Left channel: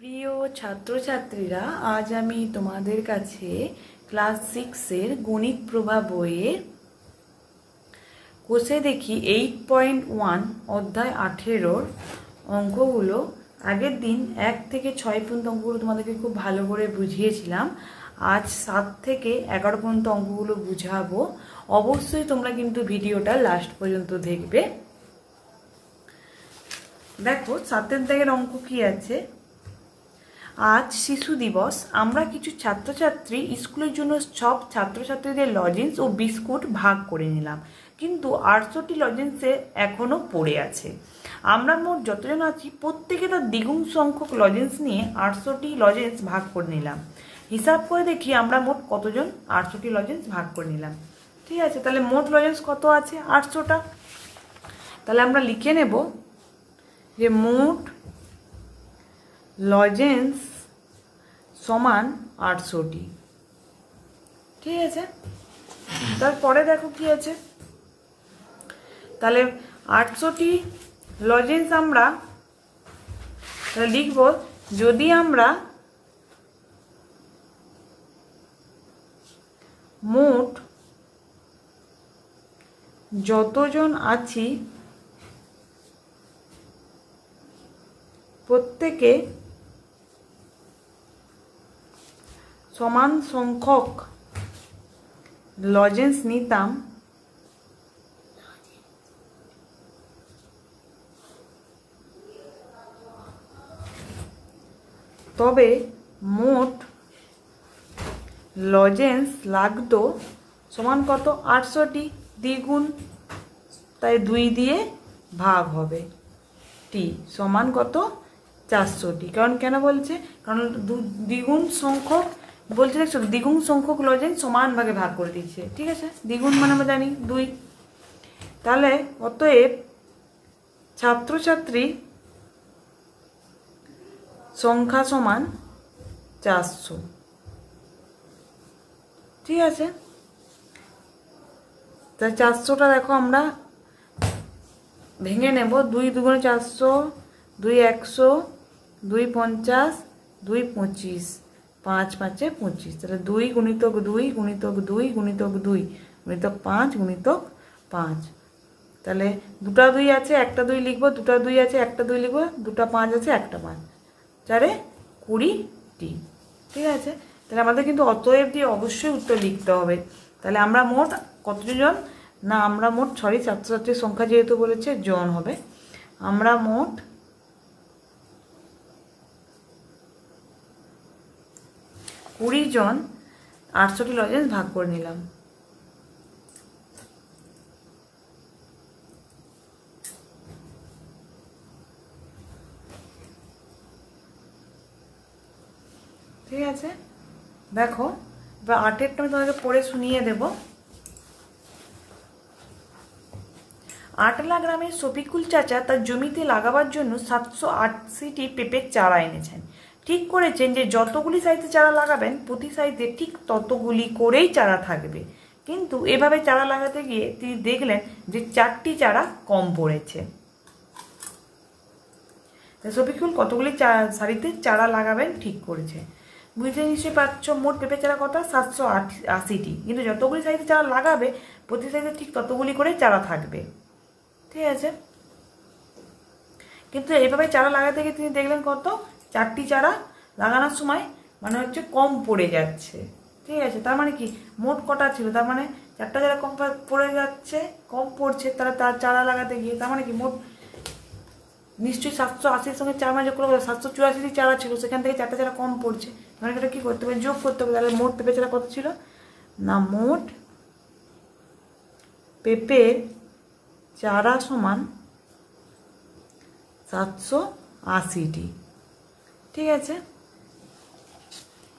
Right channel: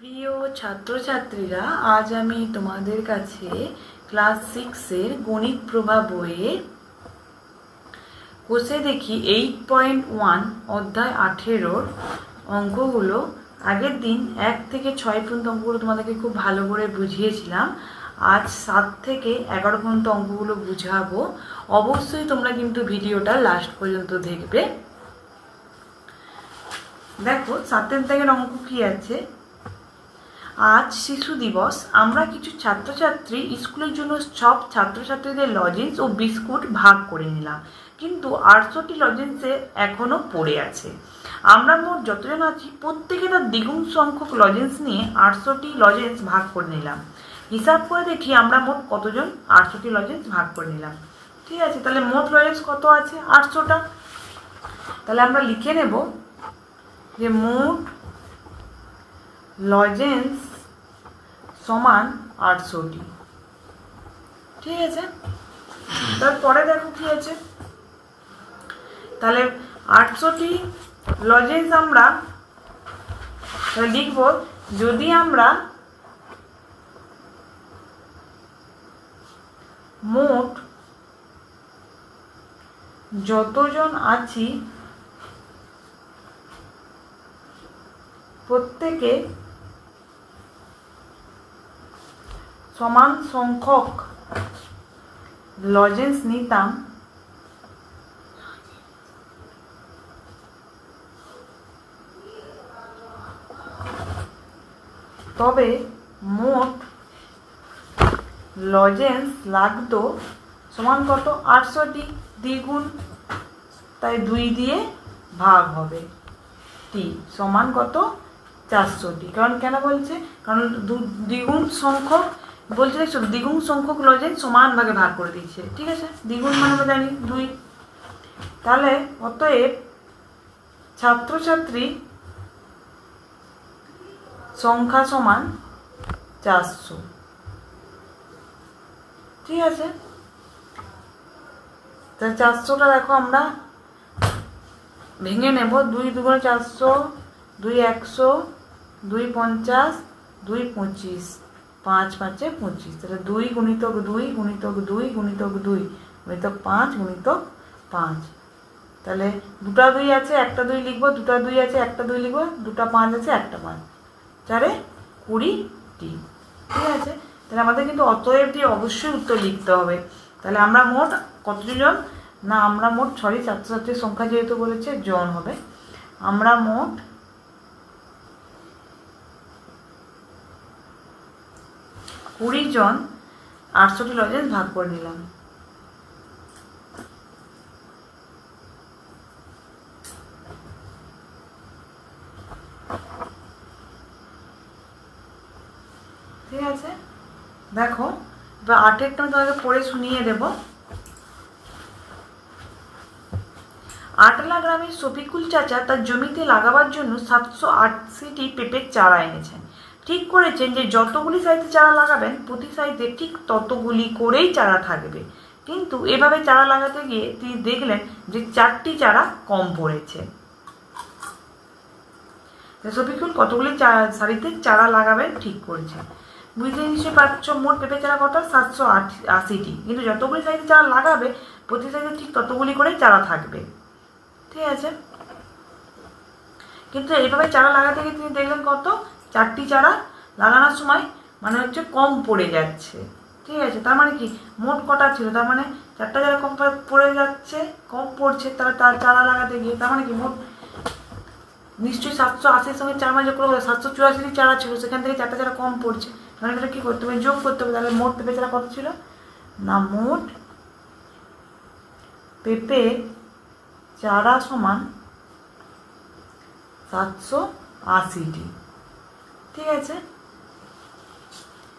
প্রিয় ছাত্রছাত্রীরা, আজ আমি তোমাদের কাছে ক্লাস 6-এর গণিত প্রভা বইয়ের কোষে দেখি 8.1 অধ্যায় 18-র অঙ্কগুলো আগের দিন 1 থেকে 6 পর্যন্ত অঙ্কগুলো তোমাদেরকে খুব ভালো করে বুঝিয়েছিলাম। আজ 7 থেকে 11 পর্যন্ত অঙ্কগুলো বুঝাবো। অবশ্যই তোমরা কিন্তু ভিডিওটা লাস্ট পর্যন্ত দেখবে। দেখো 7 দাগের অঙ্ক কি আছে। আজ শিশু দিবস। আমরা কিছু ছাত্রছাত্রী স্কুলের জন্য সব ছাত্রছাত্রীদের লজেন্স ও বিস্কুট ভাগ করে নিলাম, কিন্তু 800টি লজেন্সে এখনো পড়ে আছে। আমরা মোট যতজন আছি প্রত্যেকে তার দ্বিগুণ সংখ্যক লজেন্স নিয়ে 800টি লজেন্স ভাগ করে নিলাম। হিসাব করে দেখি আমরা মোট কতজন 800টি লজেন্স ভাগ করে নিলাম। ঠিক আছে, তাহলে মোট লজেন্স কত আছে? 800টা। তাহলে আমরা লিখে নেব যে মোট লজেন্স সমান 800টি। ঠিক আছে, তারপরে দেখো কি আছে। তাহলে 800টি লজেন্স আমরা লিখব, যদি আমরা মোট যতজন আছি প্রত্যেকে সমান সংখ্যক লজেন্স নিতাম, তবে মোট লজেন্স লাগতো সমান কত? 800টি। দ্বিগুণ, তাই 2 দিয়ে ভাগ হবে। টি সমান কত? 400টি। কারণ কেন বলছে? কারণ দ্বিগুণ সংখ্যক বলছে, দেখছো, দ্বিগুণ সংখ্যক লজেন্স সমান ভাগে ভাগ করে দিচ্ছে। ঠিক আছে, দ্বিগুণ মানে আমরা জানি 2। তাহলে অতএব ছাত্রছাত্রী সংখ্যা সমান 400। ঠিক আছে, তা 400টা দেখো আমরা ভেঙে নেব। 2 দুগুণে 400, 2 100, 2 50, 2 25, 5 5 25। তাহলে 2 গুণিতক 2 গুণিতক 2 গুণিতক 2 গুণিতক 5 গুণিতক 5। তাহলে দুটা 2 আছে, একটা 2 লিখবো, দুটা 2 আছে, একটা 2 লিখবো, দুটা 5 আছে, একটা 5, 4 20টি। ঠিক আছে, তাহলে আমাদের কিন্তু অতএব দিয়ে অবশ্যই উত্তর লিখতে হবে। তাহলে আমরা মোট কতজন না, আমরা মোট ছাত্রছাত্রীর সংখ্যা যেহেতু বলেছে জন হবে, আমরা মোট 20 জন 800টি লজেন্স ভাগ করে নিলাম। ঠিক আছে, দেখো বা 8এরটা তোমাকে পড়ে শুনিয়ে দেব। আটলা গ্রামের শফিকুল চাচা তার জমিতে লাগাবার জন্য 780টি পেঁপের চারা এনেছেন। ঠিক করেছেন যে যতগুলি সাইজে চারা লাগাবেন প্রতি সাইজে ঠিক ততগুলি করেই চারা থাকবে। কিন্তু এভাবে চারা লাগাতে গিয়ে তিনি দেখলেন যে 4টি চারা কম পড়েছে। শফিকুল কতগুলি সারিতে চারা লাগাবেন ঠিক করেছেন। বুঝতে নিশ্চয়ই পাচ্ছ, মোট পেঁপে চারা কত? 780টি। কিন্তু যতগুলি সাইজে চারা লাগাবে প্রতি সাইজে ঠিক ততগুলি করেই চারা থাকবে। ঠিক আছে, কিন্তু এইভাবে চারা লাগাতে গিয়ে তিনি দেখলেন কত? 4টি চারা লাগানোর সময় মানে হচ্ছে কম পড়ে যাচ্ছে। ঠিক আছে, তার মানে কি মোট কটা ছিল? তার মানে 4টা চারা কম পড়ে যাচ্ছে, কম পড়ছে তার চারা লাগাতে গিয়ে। তার মানে কি মোট নিশ্চয়ই 780-র সঙ্গে 4 যোগ করে 784টি চারা ছিল, সেখান থেকে 4টা চারা কম পড়ছে। মানে এটা কি করতে হবে? যোগ করতে হবে। তাহলে মোট পেঁপে চারা কত ছিল না, মোট পেঁপে চারা সমান 780টি। ঠিক আছে,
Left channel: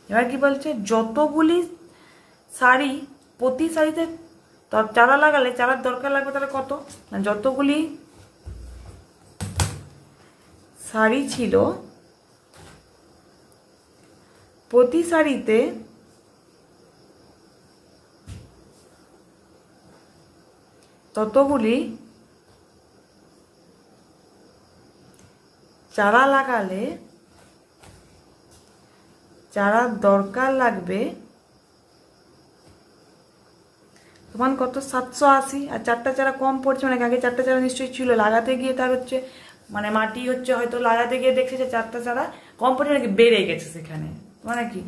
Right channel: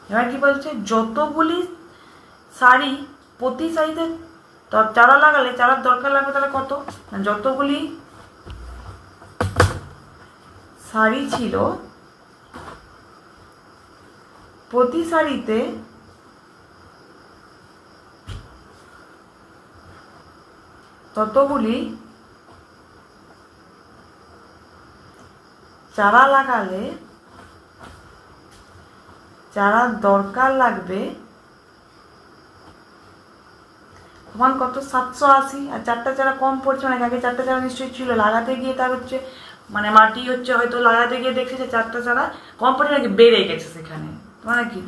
এবার কি বলছে? যতগুলি সারি প্রতি সারিতে চারা লাগালে চারার দরকার লাগবে, তাহলে কত না, যতগুলি সারি ছিল প্রতি সারিতে ততগুলি চারা লাগালে চারা দরকার লাগবে সমান কত 780, আর 4টা চারা কম পড়ছে, মানে আগে 4টা চারা নিশ্চয়ই ছিল, লাগাতে গিয়ে তার হচ্ছে মানে মাটি হচ্ছে হয়তো লাগাতে গিয়ে দেখছে যে 4টা চারা কম পড়ছে নাকি বেড়ে গেছে সেখানে, মানে কি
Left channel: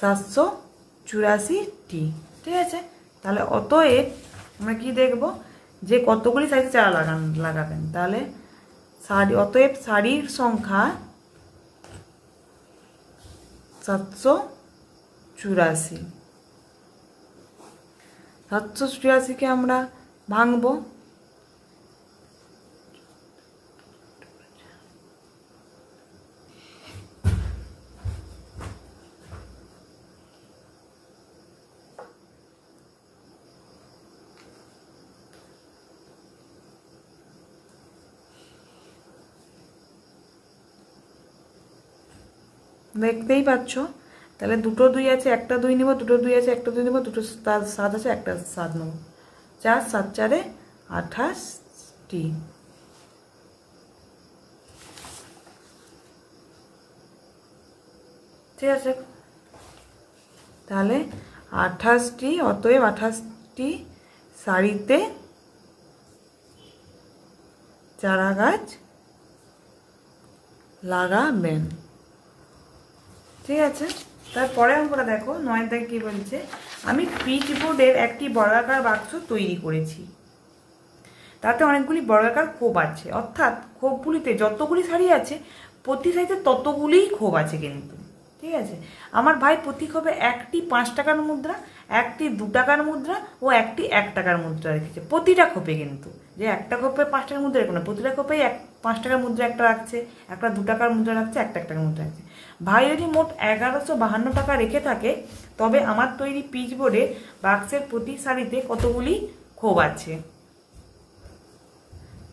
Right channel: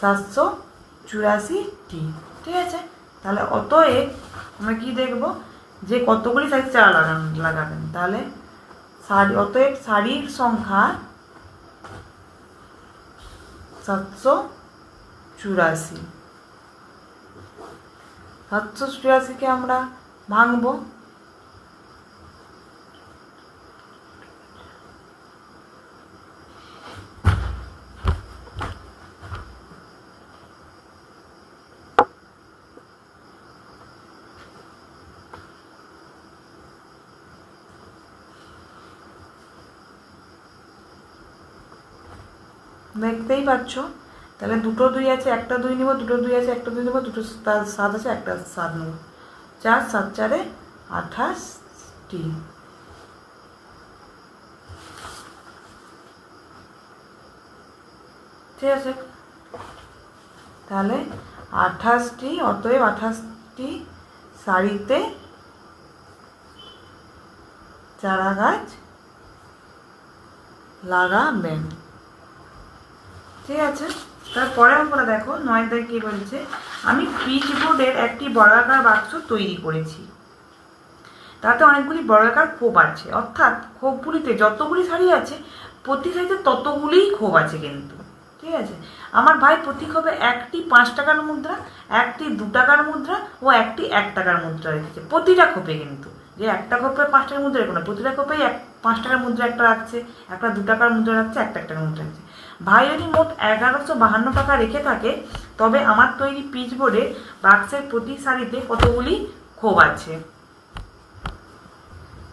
784টি। ঠিক আছে, তাহলে অতএব আমরা কি দেখব যে কতগুলি সাইজে চারা লাগাবেন, তাহলে অতএব সারির সংখ্যা 784। 784কে আমরা ভাঙবো, দেখতেই পাচ্ছ। তাহলে দুটো 2 আছে, একটা 2 নিব, দুটো 2 আছে, একটা 2 নিব, দুটো 7 আছে, একটা 7 নেব, 4 7 4 28টি। ঠিক আছে, তাহলে 28টি, অতএব 28টি সারিতে চারা গাছ লাগাবেন। ঠিক আছে, তারপরে আমরা দেখো 9 দাগ কি বলছে, আমি পিচ বোর্ডের একটি বর্গাকার বাক্স তৈরি করেছি, তাতে অনেকগুলি বর্গাকার খোপ আছে, অর্থাৎ খোপগুলিতে যতগুলি সারি আছে প্রতি সারিতে ততগুলিই খোপ আছে কিন্তু। ঠিক আছে, আমার ভাই প্রতি খোপে একটি 5 টাকার মুদ্রা, একটি 2 টাকার মুদ্রা ও একটি 1 টাকার মুদ্রা রেখেছে, প্রতিটা খোপে কিন্তু, যে একটা খোপে 5 টাকার মুদ্রা রেখো না, প্রতিটা খোপেই 5 টাকার মুদ্রা একটা রাখছে, একটা 2 টাকার মুদ্রা রাখছে, একটা 1 টাকার মুদ্রা রাখছে। ভাই যদি মোট 1152 টাকা রেখে থাকে তবে আমার তৈরি পিচ বোর্ডে বাক্সের প্রতি সারিতে কতগুলি খোপ আছে।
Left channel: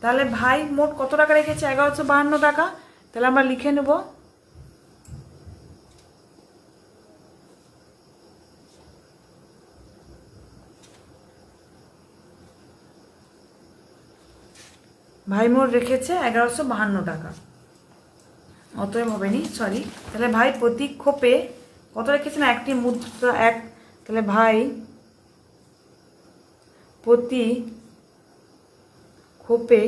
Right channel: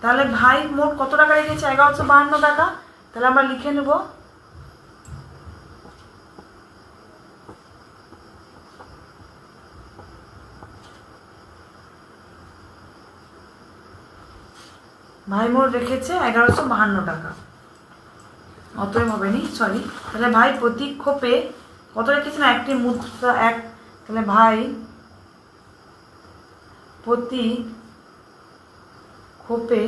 তাহলে ভাই মোট কত টাকা রেখেছে? 1152 টাকা। তাহলে আমরা লিখে নেব ভাই মোট রেখেছে 1152 টাকা, অতএব হবে নি, সরি। তাহলে ভাই প্রতি খোপে কত রেখেছে না, একটি মুদ্রা এক, তাহলে ভাই প্রতি খোপে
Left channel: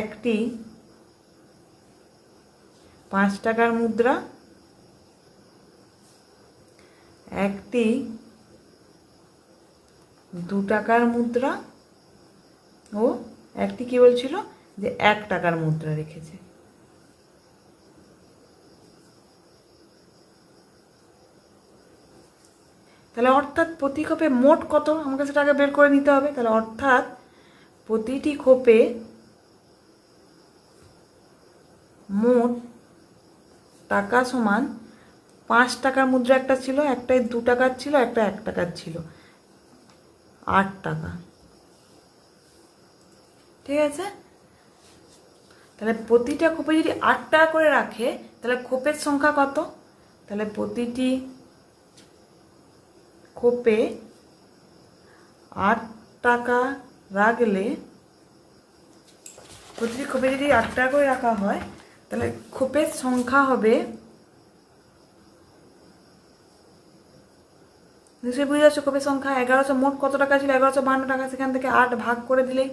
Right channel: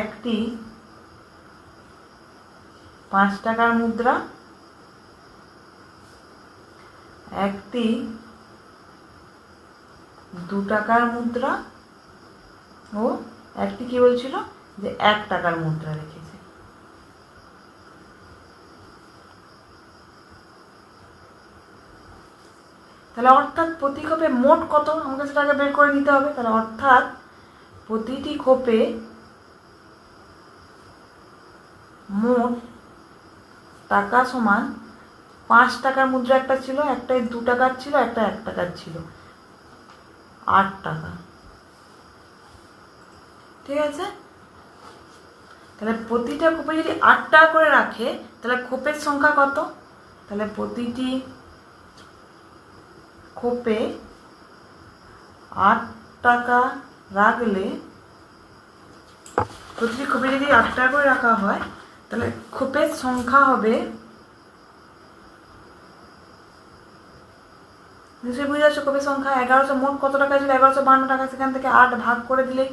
একটি 5 টাকার মুদ্রা, একটি 2 টাকার মুদ্রা ও একটি কি বলছিল যে 1 টাকার মুদ্রা রেখেছে। তাহলে অর্থাৎ প্রতি খোপে মোট কত আমাকে সেটা আগে বের করে নিতে হবে। তাহলে অর্থাৎ প্রতিটি খোপে মোট টাকা সমান 5 টাকার মুদ্রা একটা ছিল, একটা 2 টাকার ছিল, একটা 1 টাকার ছিল, 8 টাকা। ঠিক আছে, তাহলে প্রতিটা খোপে যদি 8 টাকা করে রাখে তাহলে খোপের সংখ্যা কত? তাহলে প্রতিটি খোপে 8 টাকা রাখলে, প্রতিটি খোপে যদি 8 টাকা করে রাখা হয় তাহলে খোপের সংখ্যা হবে, নিশ্চয়ই বুঝে যাচ্ছ, খোপের সংখ্যা 1100। মোট কত টাকা ছিল? 1152 টাকা। সেখান থেকে 8 ভাগ করে দিলেই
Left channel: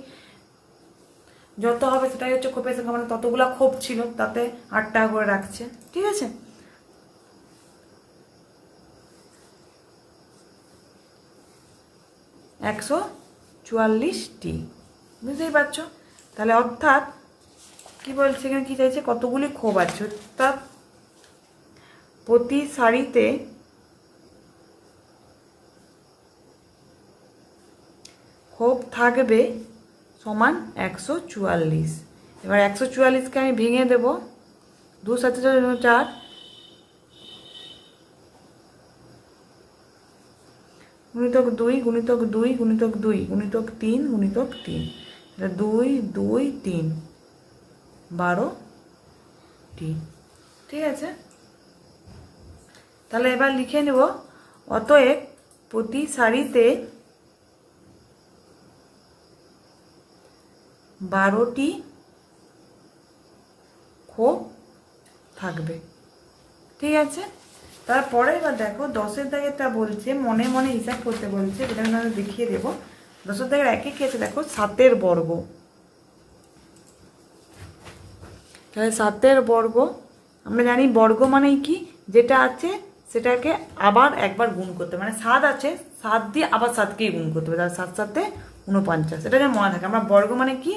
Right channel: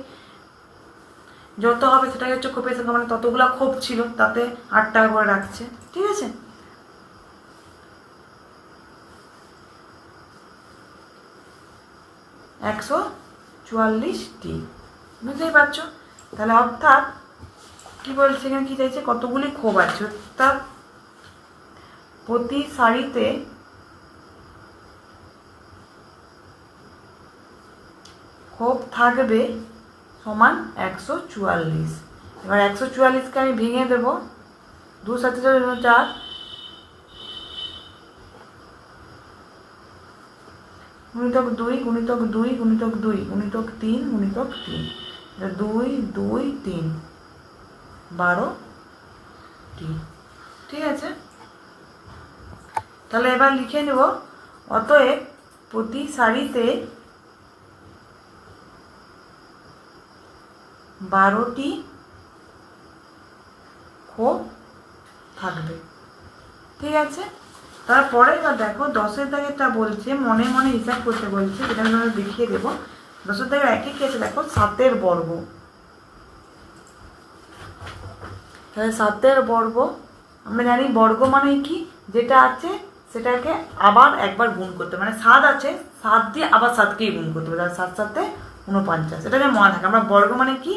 যত হবে সেটাই হচ্ছে খোপের সংখ্যা, মানে ততগুলা খোপ ছিল তাতে 8 টাকা করে রাখছে। ঠিক আছে, একশো 44টি, বুঝতেই পারছো। তাহলে অর্থাৎ কি বলছে এখানে, কি চাইছে, কতগুলি খোপ আছে, অর্থাৎ প্রতি সারিতে খোপ থাকবে সমান 144। এবার 144কে আমি ভেঙে দেব, 2 7 4, গুণিতক 2 গুণিতক 2 গুণিতক 2 গুণিতক 3 গুণিতক 3, 2 2 3, 12টি। ঠিক আছে, তাহলে এবার লিখে নেব, অতএব প্রতি সারিতে 12টি খোপ থাকবে। ঠিক আছে। তারপরে এবার দেখো 10-এর দাগেরটা বলছে মনে মনে হিসাব করতে বলছে, যেটা আমি তোমাদের দেখিয়ে দেবো। 10-এর দাগের একই ক্ষেত্রে দেখো 7-এর বর্গ, তাহলে 7-এর বর্গ আমরা জানি বর্গ মানে কি, যেটা আছে সেটাকে আবার একবার গুণ করতে, মানে 7 আছে 7 দিয়ে আবার 7কেই গুণ করতে হবে, তাহলে 7 7 49, এটা যেন মনে থাকে। আমরা বর্গ মানে কি,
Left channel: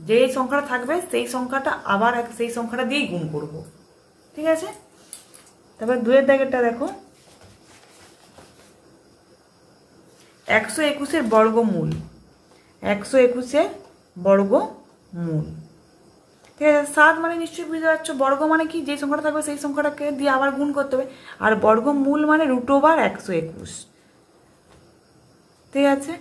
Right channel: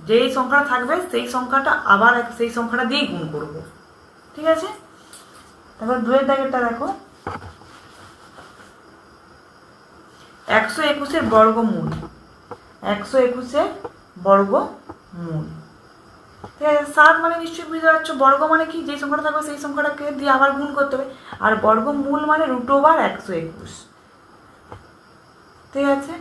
যেই সংখ্যাটা থাকবে সেই সংখ্যাটা আবার সেই সংখ্যাটা দিয়েই গুণ করব, ঠিক আছে। তারপর 2-এর দাগেরটা দেখো 121-এর বর্গমূল, 121-এর বর্গমূল, ঠিক আছে। 7 মানে নিশ্চয়ই বুঝতে পারছো, বর্গ মানে কি, যে সংখ্যাটা থাকবে সেই সংখ্যাটাকে দিয়ে আবার গুণ করতে হবে, আর বর্গমূল মানে √121, ঠিক আছে।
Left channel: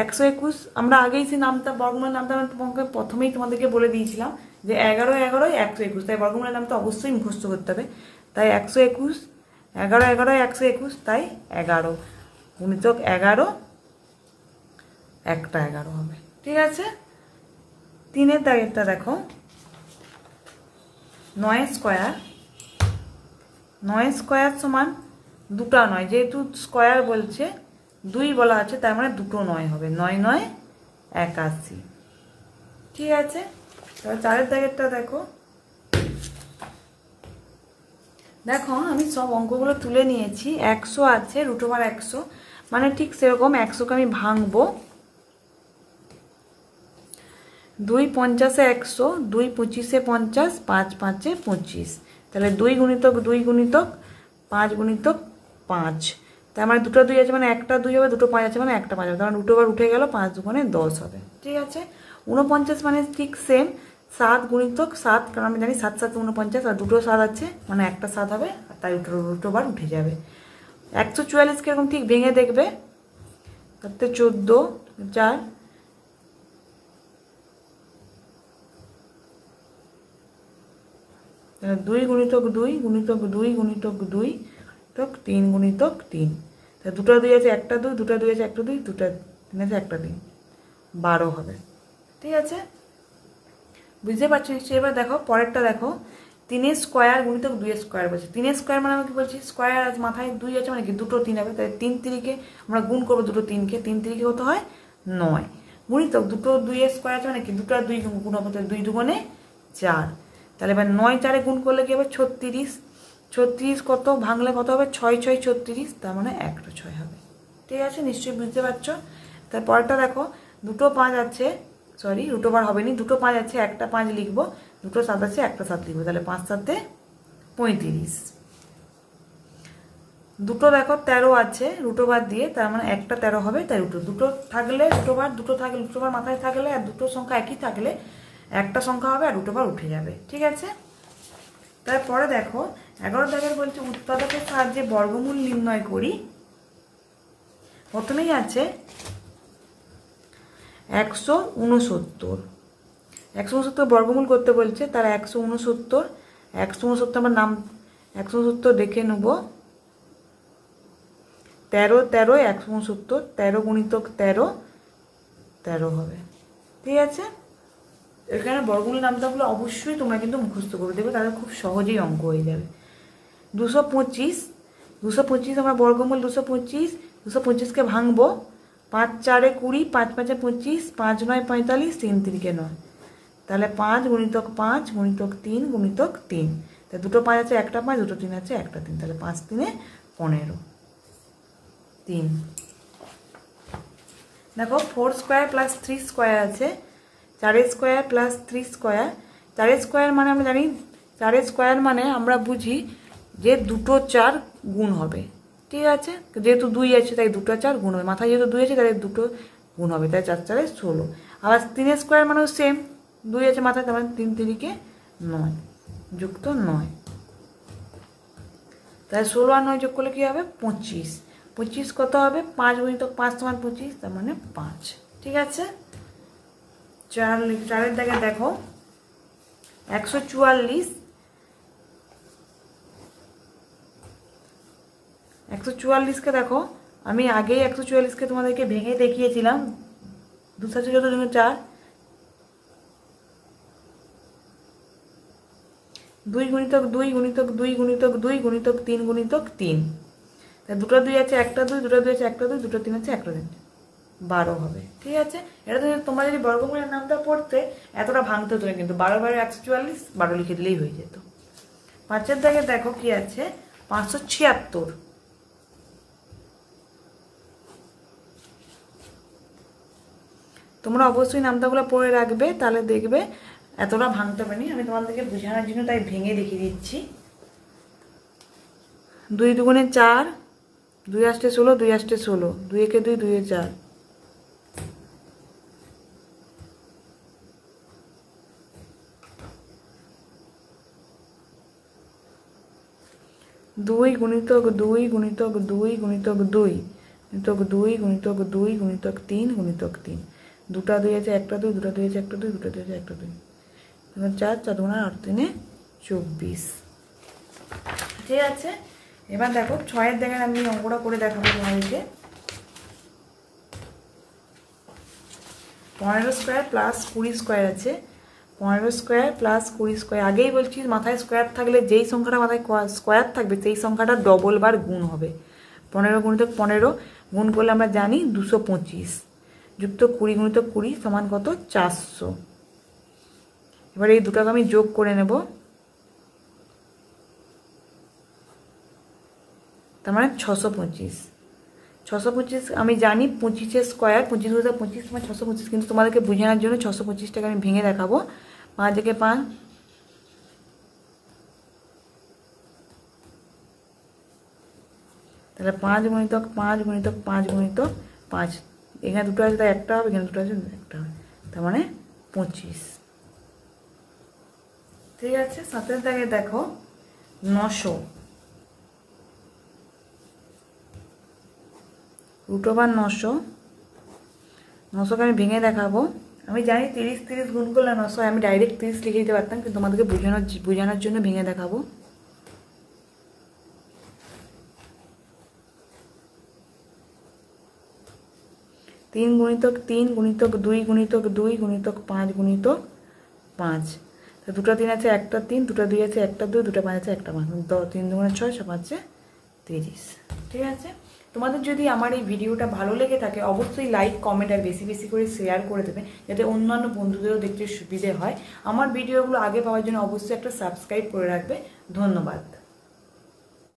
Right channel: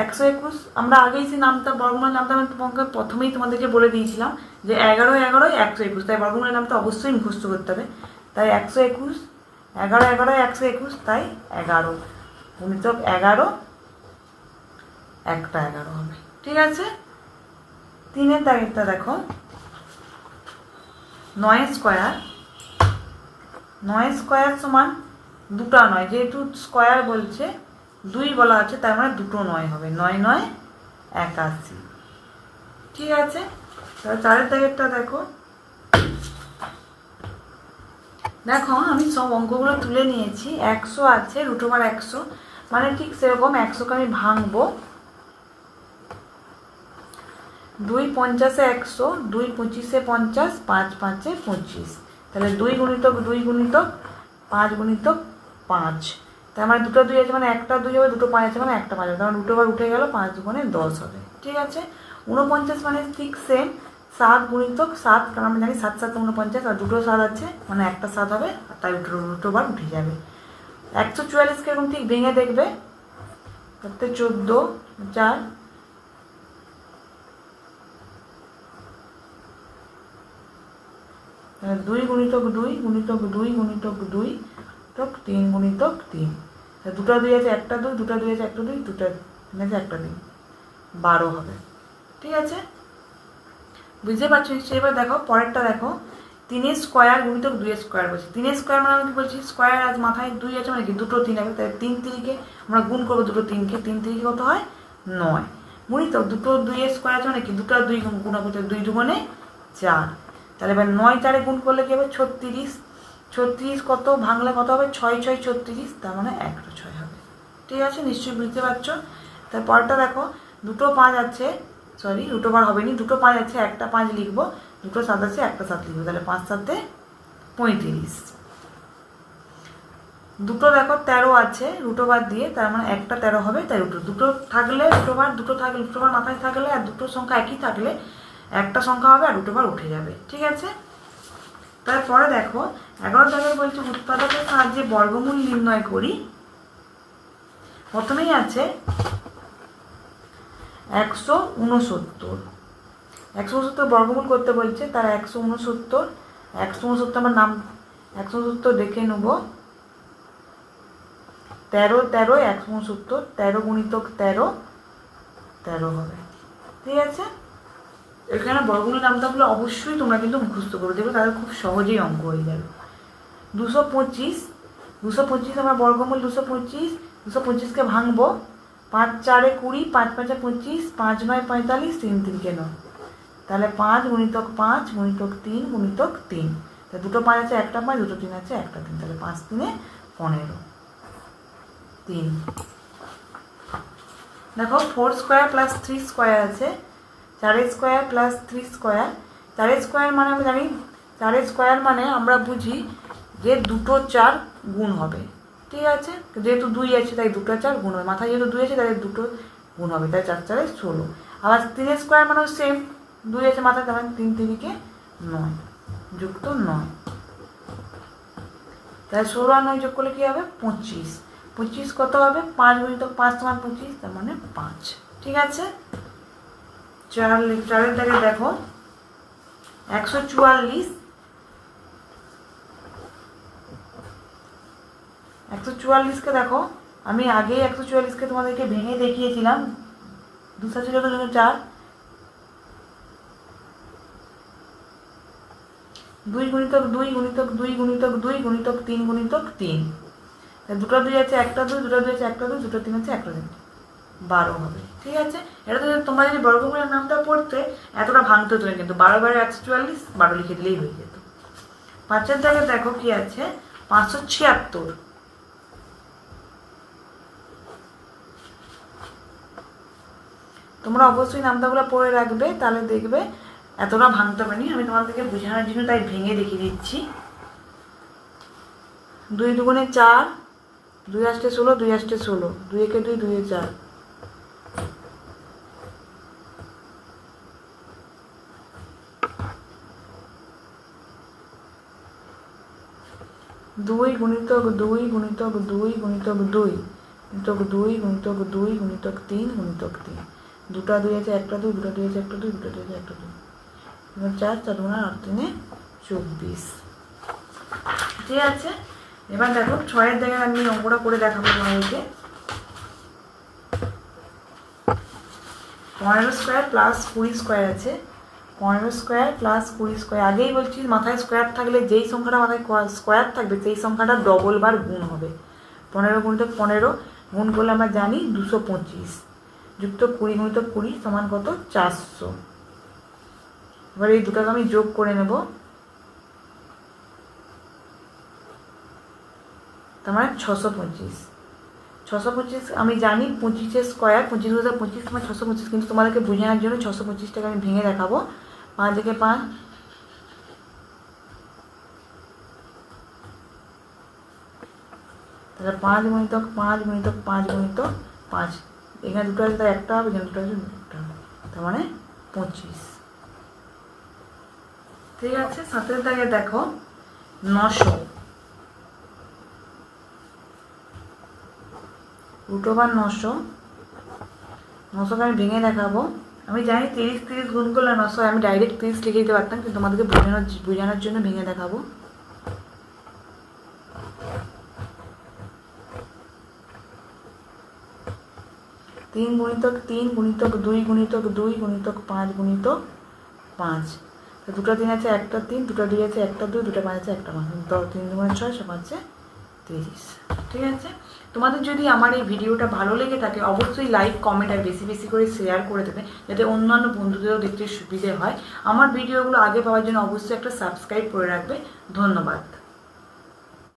121 আমরা আগেই সেই নামটা বর্গমূলের নামটা আমি তোমাকে প্রথমেই তোমাদেরকে বলে দিয়েছিলাম যে 11 11 121, তাই বর্গমূলের নামটা অবশ্যই মুখস্থ করতে হবে। তাই 121 11 11 121, তাই 11 গুণিতক 11 একটা 11 হবে, ঠিক আছে। 3-এর দাগেরটা দেখো 9 স্কয়ার, 9 স্কয়ার সমান 2টা 9, যেহেতু স্কয়ার বলছে 2 বলা আছে তার মানে 2টো 9 হবে, 9 9 81, ঠিক আছে। তাহলে 4-এর দাগেরটা দেখো, দেখো আমি সব অঙ্কগুলো তুলে নিয়েছি। 100 আছে √100, মানে ঠিক সেরকম 100কে আমি ভাঙবো, 2 50-এ 100, 2 25-এ 50, 5 5-এ 25, তাহলে 2 গুণিতক 2 গুণিতক 5 গুণিতক 5, তার মানে দুটো 2 আছে মানে একটা 2 হবে, দুটো 5 আছে মানে একটা 5 হবে, তার মানে দুটো বার উঠে গেল, 5 দুগুণে 10 হবে, ঠিক আছে। 49 মানে ঠিক সেম 7 গুণিতক 7, কারণ আমরা জানি 7 7 49, আর দুটো 7 আছে মানে একটা 7 হবে, তাই দুটো বার উঠে যাবে। 144 এরকম ঠিক ভেঙে দেখবে, তাতে 14 4 2 গুণিতক 2 গুণিতক 2 গুণিতক 2 তক 3 গুণিতক 3, দুটো 2 আছে একটা 2, দুটো 2 আছে একটা 2, দুটো 3 আছে একটা 3, 12 হবে, ঠিক আছে। বুঝতে পারছো নিশ্চয়ই। এবার দেখো পরেরটা দেখো 3 স্কয়ার গুণিতক 2 স্কয়ার বলছে। 3 স্কয়ার মানে আমি কি বলছি, স্কয়ার আজ মাথায় 2 আছে মানে কি দুটো 3 হবে, তাই 3 3কে আমরা গুণ করবো, দুটো 3কে, 3 3কে কত হয় 9, গুণিতক দুটো 2 স্কয়ার আছে মানে কি দুটো 2 গুণ হবে, 2 2 4, তাহলে এবার 9 4-এ গুণ করলে কি হবে 36, 36 কত ভাঙলে কত হবে 6 6 36, তার মানে একটা 6 হবে, ঠিক আছে। নিশ্চয়ই বুঝতে পারছো। তারপরটা দেখো দুটো 5 আছে, সরি √1 হবে নি, দুটো 5 আছে একটা 5 লিখবো, দুটো 7 আছে একটা 7 লিখবো, তাহলে 5 7-এ 35, দুটো দেখো 13 আছে √1 দিয়ে, তার মানে একটা 13 হবে, তাই দুটো থাকলে √1 মাথায় থাকলে আর দুটো সংখ্যা একই থাকলে একটা সংখ্যা হবে আর √1 উঠে যাবে, ঠিক আছে। তারপরে দেখো 11 দাগের বলছে উৎপাদকের সাহায্যে বর্গমূল নির্ণয় করি। প্রথমেই আছে 169 বর্গমূল করতে বলছে, তার 169 আমার নাম 169 দেখে নেব, 13 13 169, 13 গুণিতক 13 13 হবে, ঠিক আছে। এখানে বর্গমূলের নামটাগুলো অবশ্যই তোমরা কিন্তু মুখস্থ করে দেবে, তাহলে খুব সহজেই অঙ্ক হয়ে যাবে। 225 আমরা বর্গমূল 225কে ভাঙবো, 5 4-এ 20, 5 5-এ 25, 5 9 45, 3 3-কে 9, তাহলে 5 গুণিতক 5 গুণিতক 3 গুণিতক 3, তাহলে দুটো 5 আছে একটা 5, দুটো 3 আছে একটা 3, তাহলে 5 3-এ 15 3। দেখো 4 স্কয়ার প্লাস 3 স্কয়ার আছে, 4 স্কয়ার প্লাস 3 স্কয়ার, 4 স্কয়ার মানে আমরা জানি 4 স্কয়ার মানে আমরা বুঝি যে দুটো 4 গুণ হবে, ঠিক আছে। যেহেতু 2 আছে তাই দুটো 4 গুণ হবে, মাথায় যেহেতু 2 আছে তাই দুটো গুণ হবে, তাই 4 4-এ 16। আবার 3 স্কয়ার মানেও সেম, 2 আছে মাথায়, তার মানে 3 3-কে 9 যুক্ত 9, তাহলে 16 আর 9 যোগ করলে কি হবে 25, 25 কত হবে 5 গুণিতক 5 সমান 25, তার মানে 5, ঠিক আছে। 4-এর দাগে দেখো 144কে দেখো, আমি আগেই 144কে তোমাদেরকে ভেঙে দেখিয়েছিলাম, 2 7 4, 2 গুণিতক 2 গুণিতক 2 গুণিতক 2 গুণিতক 3 গুণিতক 3, দুটো 2 আছে একটা 2, দুটো 2 আছে একটা 2, দুটো 3 আছে একটা 3, 12 হবে। ঠিক আছে, এটা তো তোমরা যদি বর্গমূলের নামটা পড়তে এতটা ভাঙতে হতো না, কিন্তু 12 বারে 144, 12 লিখে দিলেই হয়ে যেত। 5-এর দাগে দেখো কি আছে, 576। তোমরা অবশ্যই নামটাগুলো পড়ে রাখবে, তাহলে দেখবে এতটা ভাঙতে পারিনি। আমি তোমাদেরকে বোঝানোর জন্য তাই ভেঙে দেখিয়ে দিচ্ছি। 2 দুগুণে 4, 2 আসতে 16, 2 আসতে 16, 2 একে 2, 2 এ 4, 2 গুণিতক 2 গুণিতক 2 গুণিতক 2 গুণিতক 2 গুণিতক 2 গুণিতক 3 গুণিতক 3, দুটা 2 আছে একটা 2, দুটা 2 আছে একটা 2, দুটা 2 আছে একটা 2, 4 4 2 8 3 24। ঠিক আছে, এবার দেখো 6-এর দাগে আমি অঙ্কটা করে দেখাবো তোমাদেরকে। 15 স্কোয়ার প্লাস 20 স্কোয়ার আছে, 15 স্কোয়ার প্লাস 20 স্কোয়ার। আগেই বলছি মাথায় স্কোয়ার থাকলে যেই সংখ্যাটা মাথায় স্কোয়ার থাকবে সেই সংখ্যাটা ডবল বার গুণ হবে। 15 গুণিতক 15 গুণ করলে আমরা জানি 225, যুক্ত 20 গুণিতক 20 সমান কত, 400। এবার এই দুটাকে আমি যোগ করে নেব, তার মানে 625। 625 আমি জানি 25-এর স্কোয়ার, 25 × 25 তোমার 625, কিন্তু তোমাদেরকে বোঝানোর জন্য 625টাকে আমি ভেঙে দেখাবো। 5 একে 5, তাহলে 5 গুণিতক 5 গুণিতক 5 গুণিতক 5, এখানে দুটো আছে তাই একটা হবে, এখানে দুটো আছে একটা হবে, তার মানে 25। ঠিক আছে, 7-এর দাগে দেখো 900, √900, 900কে আমি ভেঙে দেখাবো। আমি জানি 30 30 গুণ করলে 900, আমি ডাইরেক্ট 30 লিখে দিতে পারতাম, কিন্তু তোমাদেরকে বোঝানোর জন্য ভেঙে দেখাবো। 3 গুণিতক 3 গুণিতক 2 গুণিতক 2 গুণিতক 5 গুণিতক 5, তো দুটো 3 আছে একটা 3, দুটো 2 আছে একটা 2, দুটো 5 আছে একটা 5, 3 2 6, 5 30। ঠিক আছে, তোমাদের যদি আমার এই ভিডিওটা ভালো লেগে থাকে অবশ্যই লাইক কমেন্ট আর বেশি বেশি করে শেয়ার করে দেবে, যাতে অন্যান্য বন্ধুদেরও দেখতে সুবিধে হয়। আমার ভিডিওগুলো আগে পাওয়ার জন্য অবশ্যই একটা সাবস্ক্রাইব করে রাখবে। ধন্যবাদ।